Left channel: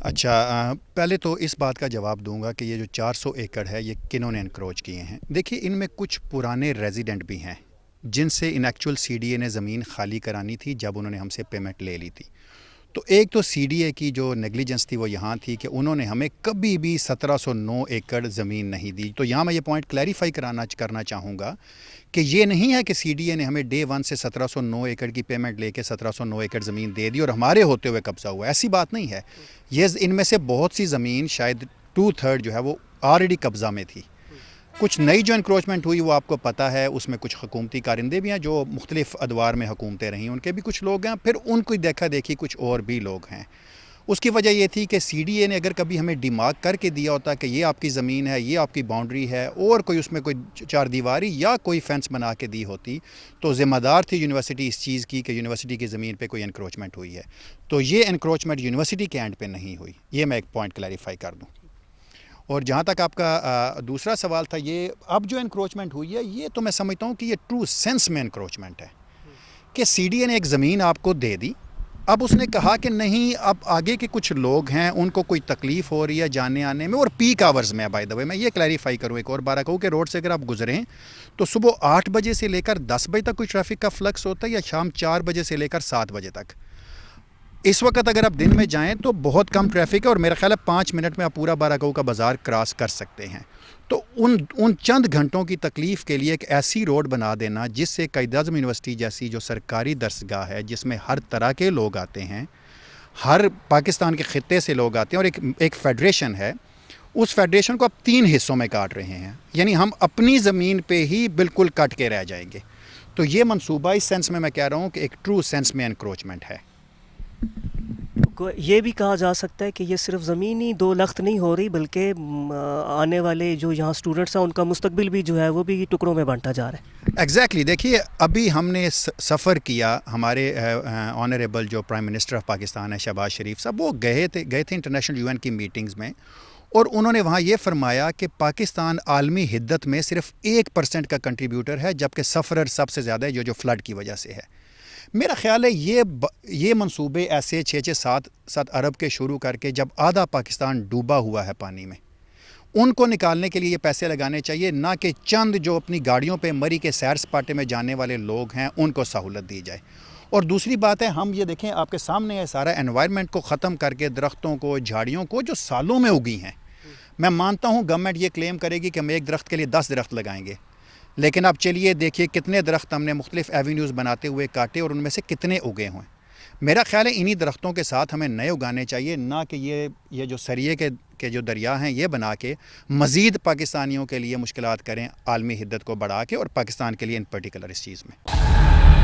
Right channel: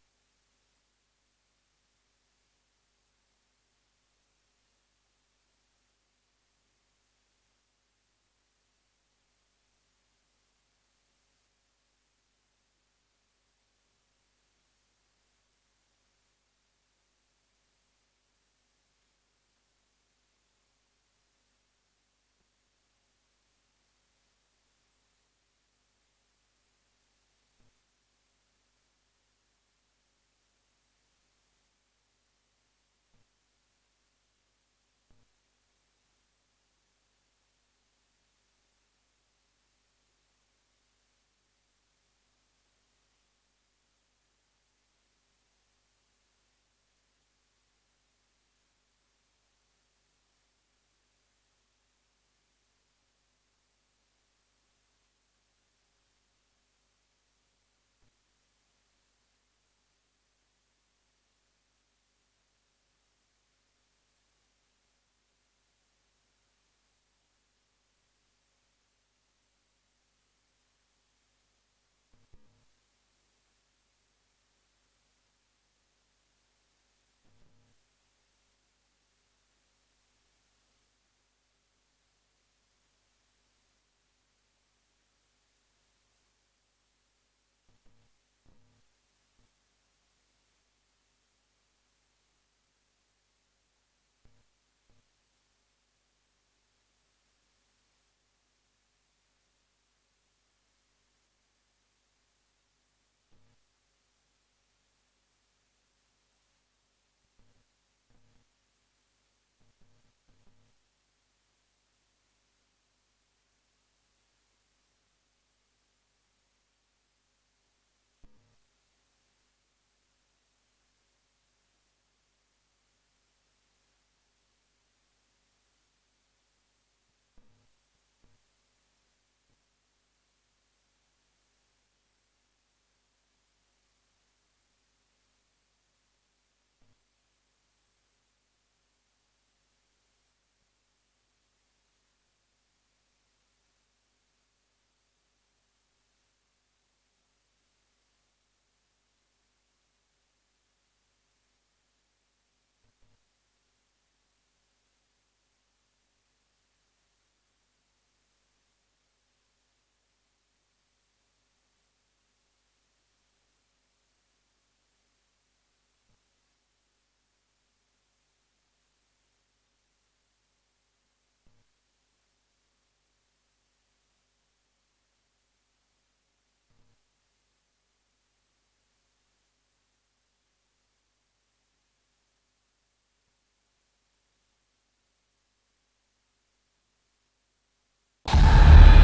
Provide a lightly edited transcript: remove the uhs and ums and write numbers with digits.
اچھا پہلے تو اس بات کا جواب دوں گا کہ یہ جو 400 ایکڑ ہے یہ کنہوں نے انکروچ کیے ہیں. دیکھیے ان میں کچھ پرانے ریزیڈنٹ بھی ہیں جن سے in actual C D A نے زمین خالی کرانی تھی جب انہوں نے ہم سے پیمنٹ لے لی تھی. تو ایک تو سی ڈی اے کی جو نیگلیجنس تھی وہ یہاں تھی کہ انہوں نے ہمیں کبھی بھی 1709 ایکڑ زمین نہیں دی. تو یہاں میں یہ پوائنٹ کلیریفائی کرنا چاہوں گا کہ یہ نہیں ہے کہ سی ڈی اے نے ہمیں ڈے ون سے 1709 ایکڑ کی پیمنٹ لے کے 1709 ایکڑ زمین دے دی اور ہمارے ہوتے ہوئے قبضہ ہوا. ایسی بات نہیں ہے. یہ ان میں سے بہت سی زمین شاید 2/3 جو ہے وہ آلریڈی قبضہ میں تھی. کچھ نئی جو انکروچمنٹ ہوئی وہ آپ کو پتہ ہے, اس میں کچھ حکومتی کارندے بھی ہیں جو مختلف ادوار میں حکومتیں رہیں, ان کے بھی کچھ لوگ ہیں, پھر ان کو دیکھا دیکھی کچھ اور بھی لوگ ہیں. اس کی وجہ یہ تھی کہ سی ڈی اے نے اگر کبھی ہمیں ڈیمارک کر کے دیا ہوتا کہ یہ آپ کی زمین ہے, یہ آپ کی باؤنڈری ہے, اور کوئی اس میں کوئی چار دیواری یا کوئی فینس بنا کے دی ہوتی تو ذمہ دار تھی یونیورسٹی اس چیز کی کہ یونیورسٹی کی زمین پہ کوئی انکروچمنٹ ہوئی ہے. تو یہ انکروچمنٹ یونیورسٹی کے اینڈ پہ نہیں ہوئی. یہ میں ایک پوائنٹ کلیریفائی کر دوں. اور جہاں تک آپ کا دوسرا سوال تھا, یہ اب جو انکروچمنٹ ہوئی ہے یہ تو میں سمجھتا ہوں کہ یہ ٹرو سینس میں انکروچمنٹ ہے کہ سی ڈی اے نے ایک زمین آپ کو دے دی. اب اس نے کہا کہ نہیں, اب آگے کے کچھ لوگ ہیں ان کو کوئی تکلیف ہو رہی ہے جانے آنے میں, اور پیک آورز میں. بائی دا وے میں یہ کلیریفائی کروں ایک اور بار کہوں کہ روڈ سے اگر آپ گزریں تو صبح 8 بجے سے لے کر 10 بجے تک کوئی ٹریفک کا فلکس ہوتا ہے, یا شام 4 بجے سے لے کر 7 بجے تک. اس وقت اگر آپ دن میں جائیں تو بہت کم ٹریفک ہے, اور میرا خیال ہے 5 منٹ میں آپ پورا باراکو کا بازار کراس کر سکتے ہیں. تو ان چند گھنٹوں کی تکلیف کے لیے ایک ایسی روڈ بنا دینا جس سے قائد اعظم یونیورسٹی جیسی جو سرکاری درسگاہ ہے جس میں ہر طرح کے لوگ آتے ہیں, ہر پاکستان کے خطے سے لوگ آتے ہیں, اور ایک فیڈریشن ہے, اس فیڈریشن کو آپ 3 حصوں میں کاٹ رہے ہیں. یعنی ہم اپنی زمین پہ ہی بالکل کٹ کے رہ جائیں گے. تو یہ منصوبہ اس سینس میں کہہ رہا ہوں کہ ایک ٹرو سینس میں انکروچمنٹ ہے. یہ بھی کہا جا سکتا ہے کہ یہ صرف زمینی دو لخت نہیں ہو رہی, بلکہ آنے والے جو یہاں اسٹوڈنٹس ہیں ان کا مستقبل بھی جو ہے وہ بھی ٹکڑوں میں بانٹا جا رہا ہے. ایگزیکٹلی. دیکھیے ابھی ہم نے سفر کیا, ہمارے آنریبل جو پرائم منسٹر آف پاکستان ہے شہباز شریف صاحب, وہ گئے تھے انٹرنیشنل یو این کی میٹنگز میں, اور انہوں نے وہاں یہ فرمایا کہ پاکستان عالمی حدت میں صرف 1% کا کنٹریبیوٹر ہے, جبکہ سفرر سب سے زیادہ ہے جو فلڈ کی وجہ سے ہے. میرا خیال ہے یہ منصوبے ایسے 6-7 ارب کے شروع کر کے جب آدھا پاکستان ڈوبا ہوا ہے پانی میں, ان کو نکالنے کے لیے یہ پیسے لگانے چاہیے, نہ کہ چند جو اپنی گاڑیوں پہ مری کے سیر سپاٹے میں جانے والے لوگ ہیں ان کو سہولت دی جائے. اور دوسری بات ہے, ہم یہ دیکھیں آپ کے سامنے ہے سارا انوائرمنٹ کو ختم کر کے درختوں کو, جھاڑیوں کو جو سالوں میں اگی ہیں. میں مانتا ہوں گورنمنٹ یہ کلیم کرے گی کہ ہم ایک درخت کے لیے 10 درخت لگائیں گے, لیکن اب چلیے دیکھیے کتنے درخت ہم نے مختلف ایوینیوز بناتے ہوئے کاٹے, اور ان میں سے کتنے اگے ہوئے. میرا خیال ہے انہی درختوں کے ساتھ ہمیں نئے اگانے چاہیے, نہ کہ یہ جو سریے کے جو دریا ہیں یہ بنا کے مزید پاکستانیوں کے لیے مشکلات کریں عالمی حدت کو بڑھا کے, اور پاکستان کے لیے ان پرٹیکولر اس چیز میں.